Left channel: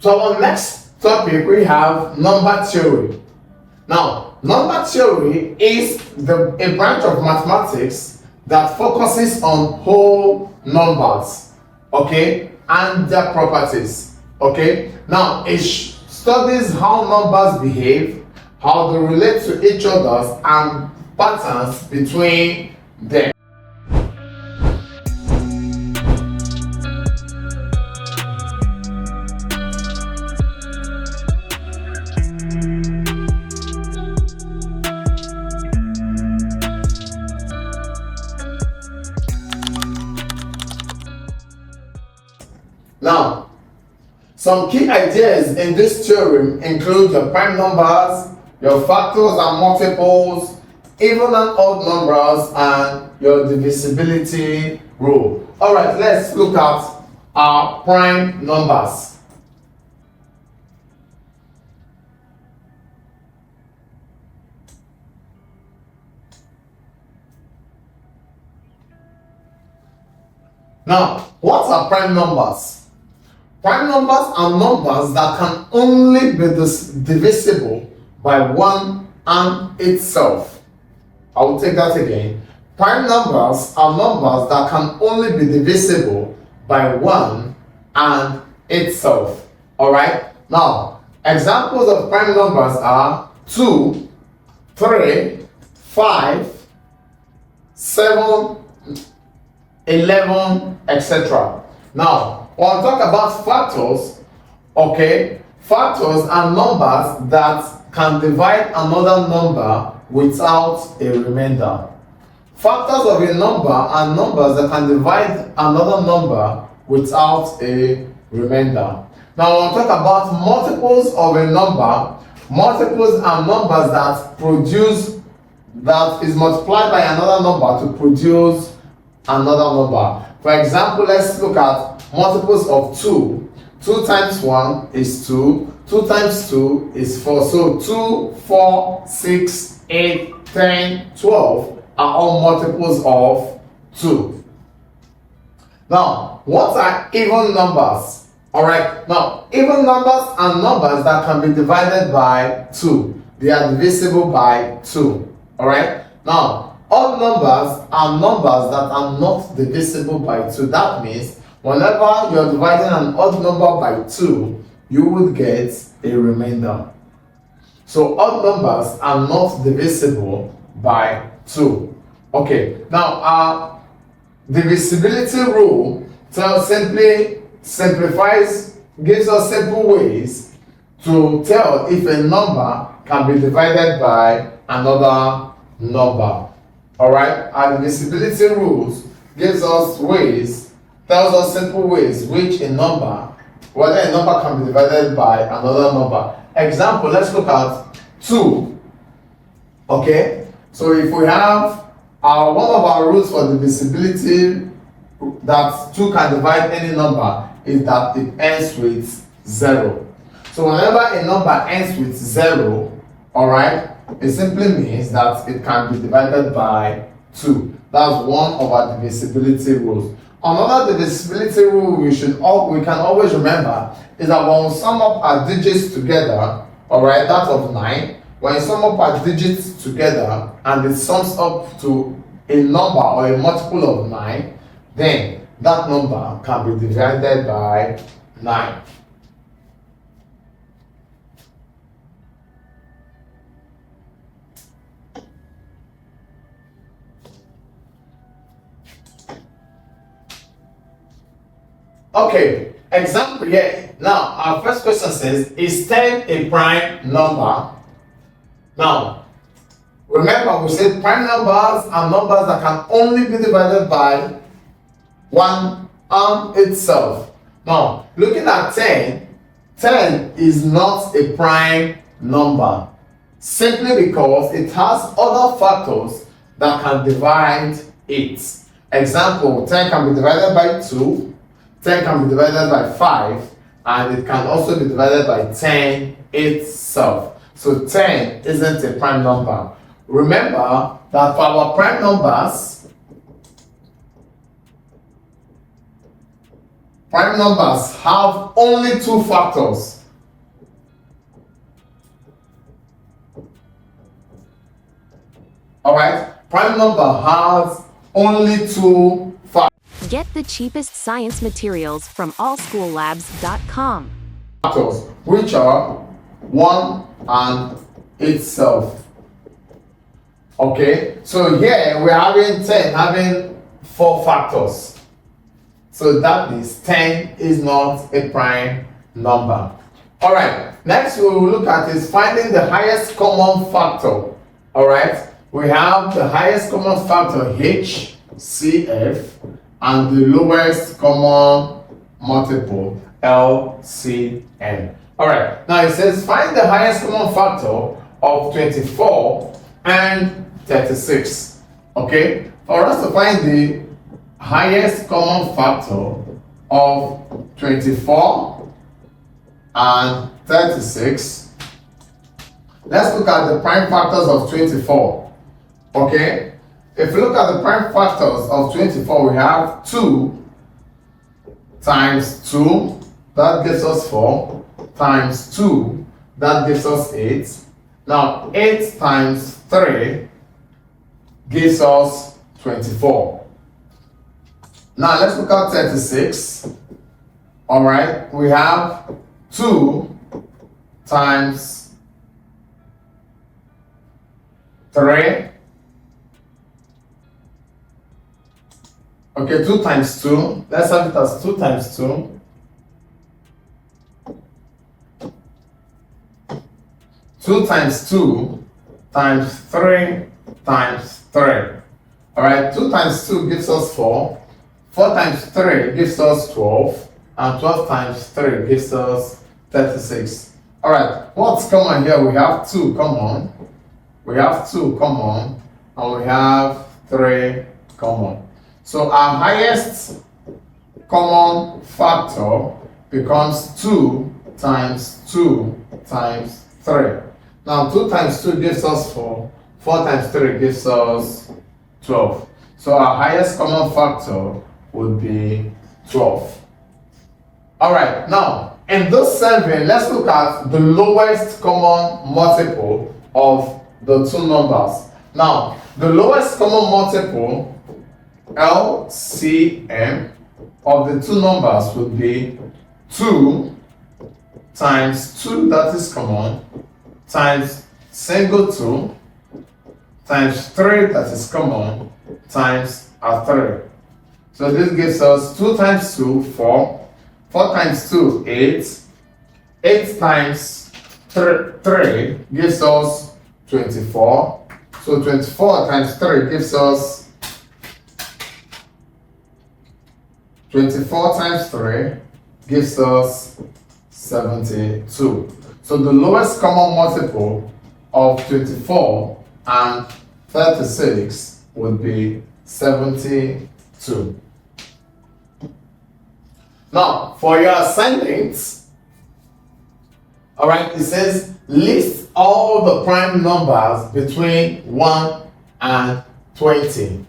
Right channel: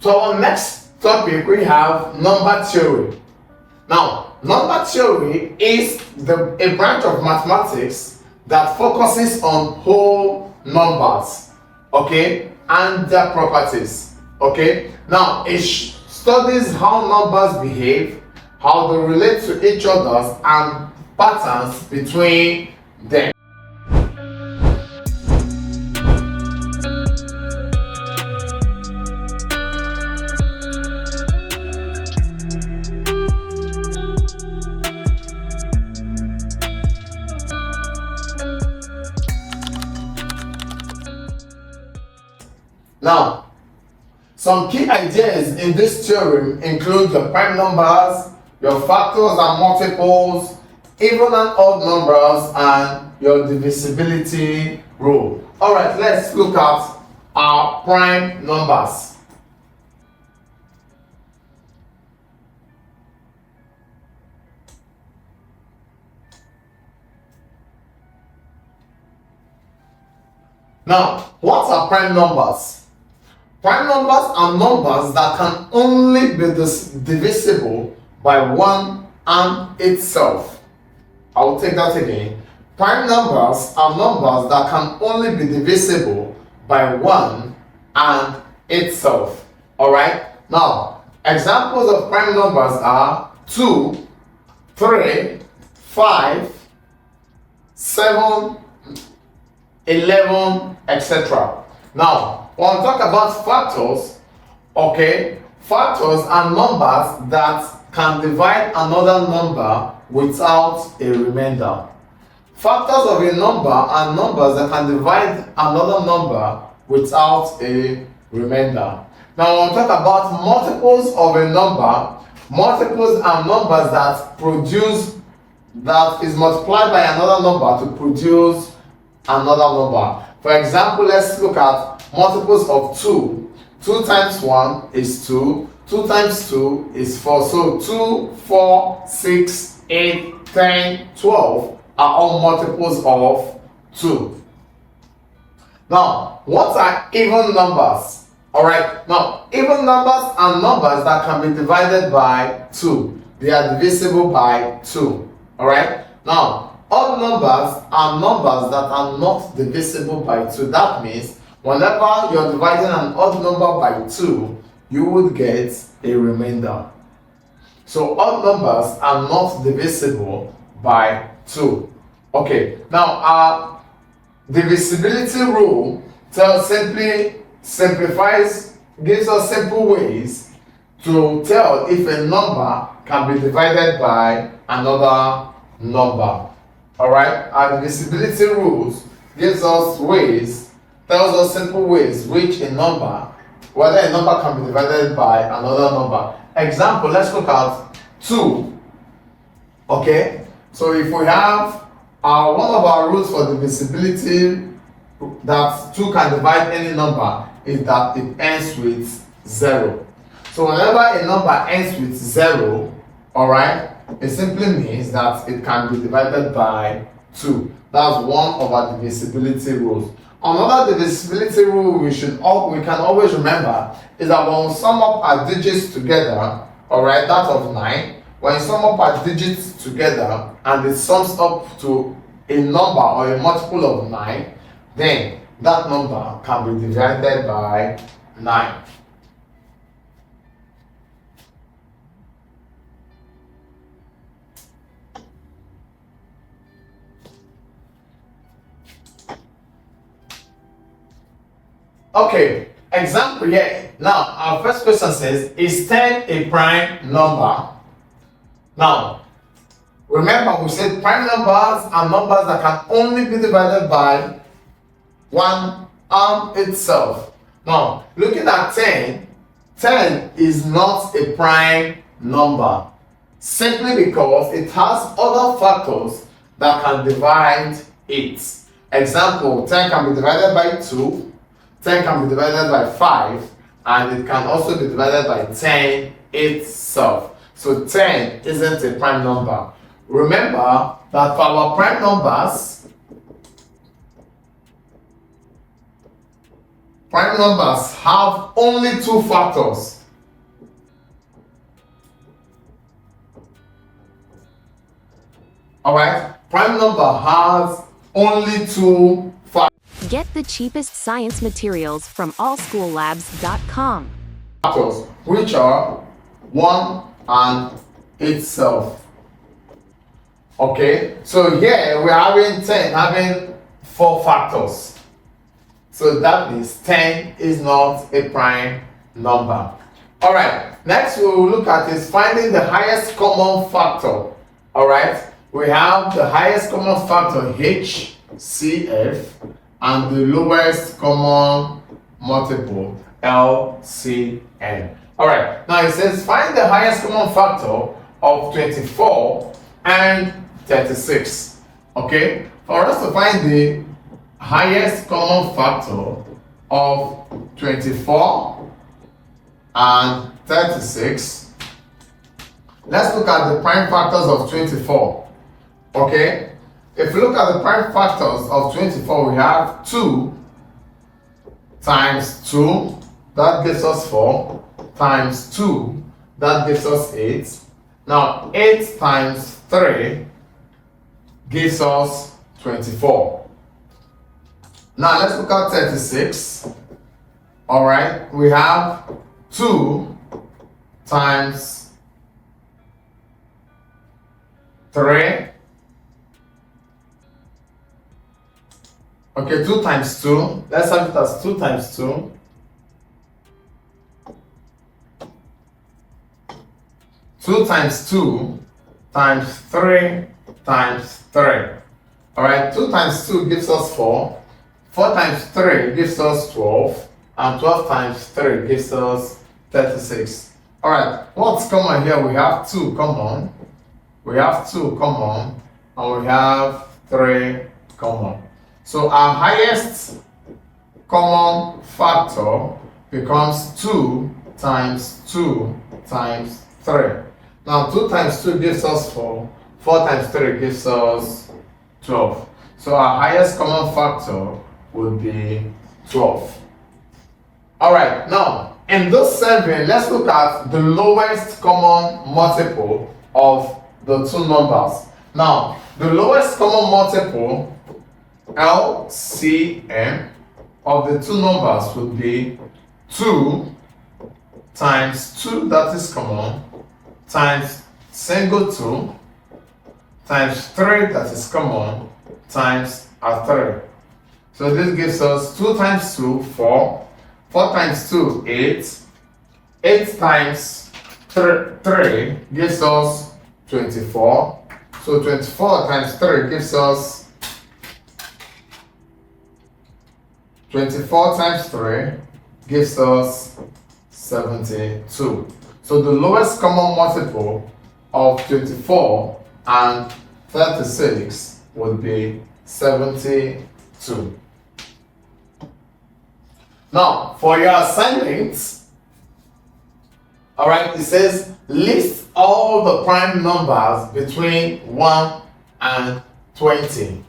So our next topic we have number theory. Now, number theory is a branch of mathematics that focuses on whole numbers, okay, and their properties, okay. Now, it studies how numbers behave, how they relate to each other, and patterns between them. Now, some key ideas in this theorem include your prime numbers, your factors and multiples, even and odd numbers, and your divisibility rule. Alright, let's look at our prime numbers. Now, what are prime numbers? Prime numbers are numbers that can only be divisible by 1 and itself. I will take that again. Prime numbers are numbers that can only be divisible by 1 and itself. Alright? Now, examples of prime numbers are 2, 3, 5, 7, 11, etc. Now, when we talk about factors, okay, factors are numbers that can divide another number without a remainder. Factors of a number are numbers that can divide another number without a remainder. Now, when we talk about multiples of a number, multiples are numbers that is multiplied by another number to produce another number. For example, let's look at multiples of 2. 2 times 1 is 2. 2 times 2 is 4. So 2, 4, 6, 8, 10, 12 are all multiples of 2. Now, what are even numbers? Alright, now even numbers are numbers that can be divided by 2. They are divisible by 2. Alright, now odd numbers are numbers that are not divisible by 2. That means whenever you're dividing an odd number by 2, you would get a remainder. So odd numbers are not divisible by 2. Okay, now our divisibility rule gives us simple ways to tell if a number can be divided by another number. Alright, our divisibility rules tells us simple ways which whether a number can be divided by another number. Example, let's look at 2. Okay, so if we have one of our rules for divisibility that 2 can divide any number is that it ends with 0. So whenever a number ends with 0, alright, it simply means that it can be divided by 2. That's one of our divisibility rules. Another divisibility rule we can always remember is that when we sum up our digits together, alright, that of 9, when you sum up our digits together and it sums up to a number or a multiple of 9, then that number can be divided by 9. Okay, example here. Now, our first question says, is 10 a prime number? Now, remember we said prime numbers are numbers that can only be divided by 1 and itself. Now, looking at 10, 10 is not a prime number simply because it has other factors that can divide it. Example, 10 can be divided by 2, 10 can be divided by 5, and it can also be divided by 10 itself. So 10 isn't a prime number. Remember that for our prime numbers, prime numbers have only two factors. Alright, prime number has only two factors. Get the cheapest science materials from allschoollabs.com. Which are 1 and itself. Okay, so here we're having 10 having 4 factors. So that means 10 is not a prime number. Alright, next we will look at is finding the highest common factor. Alright, we have the highest common factor HCF and the lowest common multiple LCM. Alright, now it says find the highest common factor of 24 and 36. Okay, for us to find the highest common factor of 24 and 36, let's look at the prime factors of 24. Okay, if we look at the prime factors of 24, we have 2 times 2, that gives us 4, times 2, that gives us 8. Now 8 times 3 gives us 24. Now let's look at 36. Alright, we have 2 times 3. Okay, 2 times 2. Let's have it as 2 times 2. 2 times 2 times 3 times 3. Alright, 2 times 2 gives us 4. 4 times 3 gives us 12. And 12 times 3 gives us 36. Alright, what's common here? We have 2 common. We have 2 common. And we have 3 common. So our highest common factor becomes 2 times 2 times 3. Now 2 times 2 gives us 4. 4 times 3 gives us 12. So our highest common factor would be 12. Alright, now in this survey, let's look at the lowest common multiple of the two numbers. Now, the lowest common multiple LCM of the two numbers would be 2 times 2, that is common, times single 2, times 3, that is common, times a 3. So this gives us 2 times 2, 4, 4 times 2, 8, 8 times 3 gives us 24. So 24 times 3 gives us 24 times 3 gives us 72. So the lowest common multiple of 24 and 36 would be 72. Now, for your assignments, alright, it says list all the prime numbers between 1 and 20.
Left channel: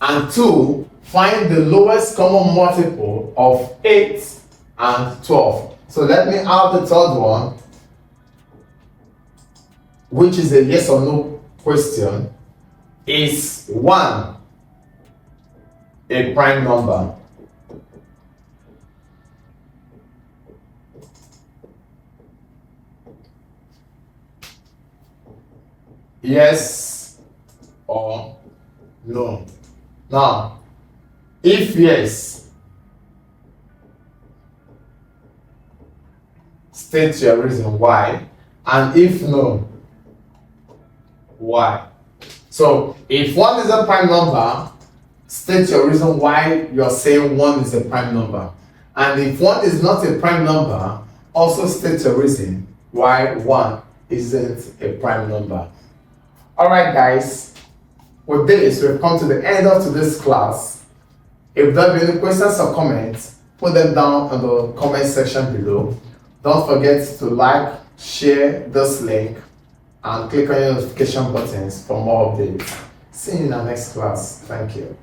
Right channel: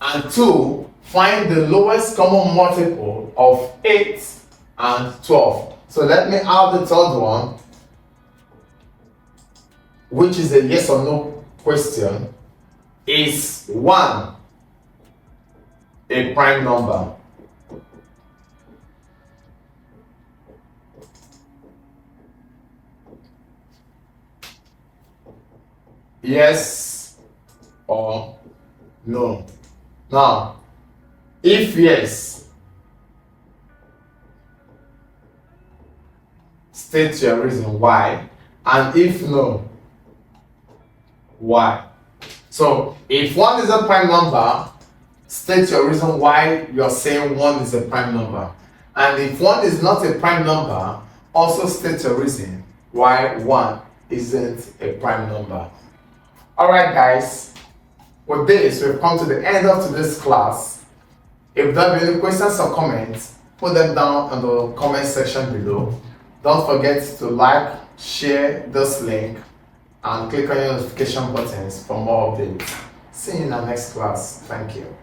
And 2, find the lowest common multiple of 8 and 12. So let me add the third one, which is a yes or no question. Is 1 a prime number? Yes or no? Now, if yes, state your reason why, and if no, why. So if 1 is a prime number, state your reason why you're saying 1 is a prime number. And if 1 is not a prime number, also state your reason why 1 isn't a prime number. Alright guys, with this we've come to the end of today's class. If there are any questions or comments, put them down in the comment section below. Don't forget to like, share this link, and click on your notification buttons for more updates. See you in the next class. Thank you.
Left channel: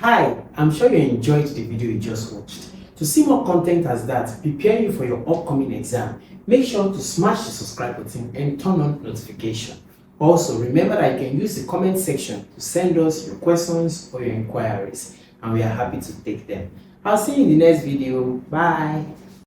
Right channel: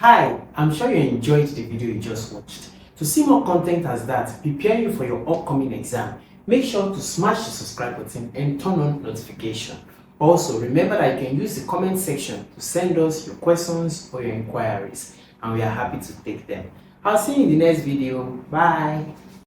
Hi, I'm sure you enjoyed the video you just watched. To see more content as that, preparing you for your upcoming exam, make sure to smash the subscribe button and turn on notification. Also, remember that you can use the comment section to send us your questions or your inquiries, and we are happy to take them. I'll see you in the next video. Bye.